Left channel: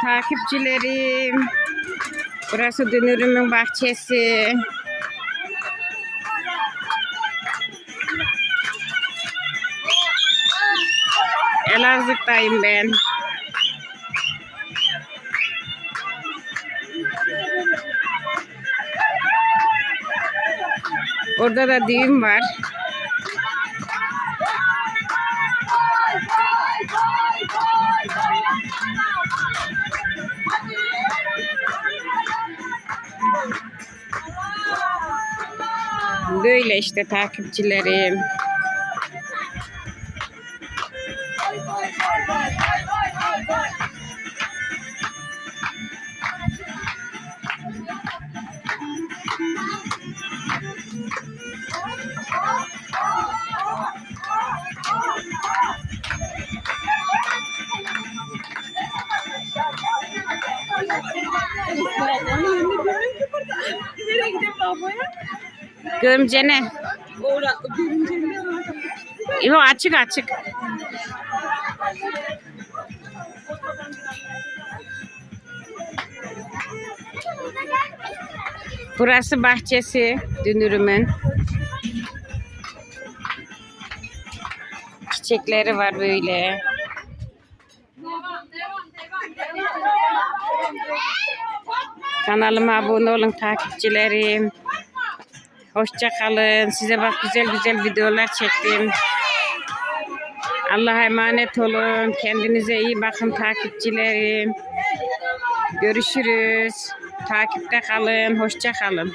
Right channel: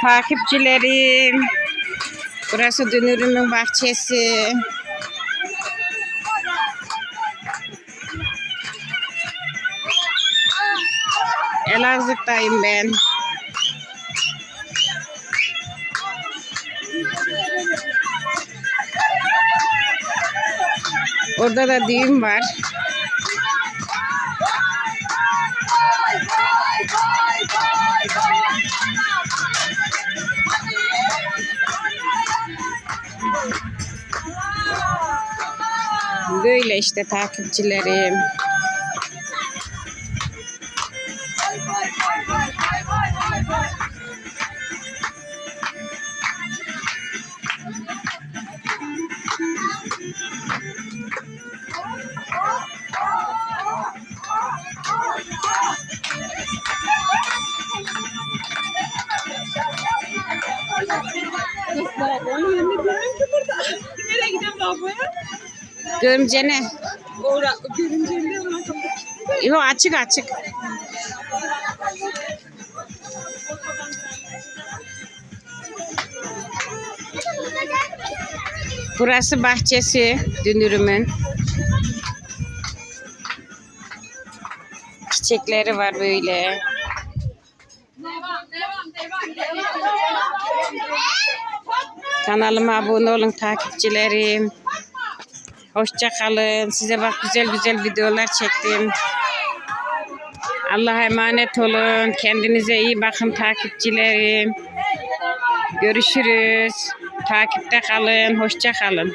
Takipçilerim. Burası Dünürüm'ün bahçesi. Elazığ'dayım ben. Orada da düğün var. Böyle işte takipçilerim. Babamın Nereye gidelim babaya? Gömcene. Ora görünce ne ona Yok açık açık. Burası bahçesi Dünürüm'ün. Çiçekleri var böyle. Kanalıma abone olun takipçilerim. Hoşça kalın. Size bak güzel güzel videolar çektim. Allah'a emanet olun. Kendinize iyi bakın takipçilerim. Görüşürüz. Takipte kalın. Hoşça kalın.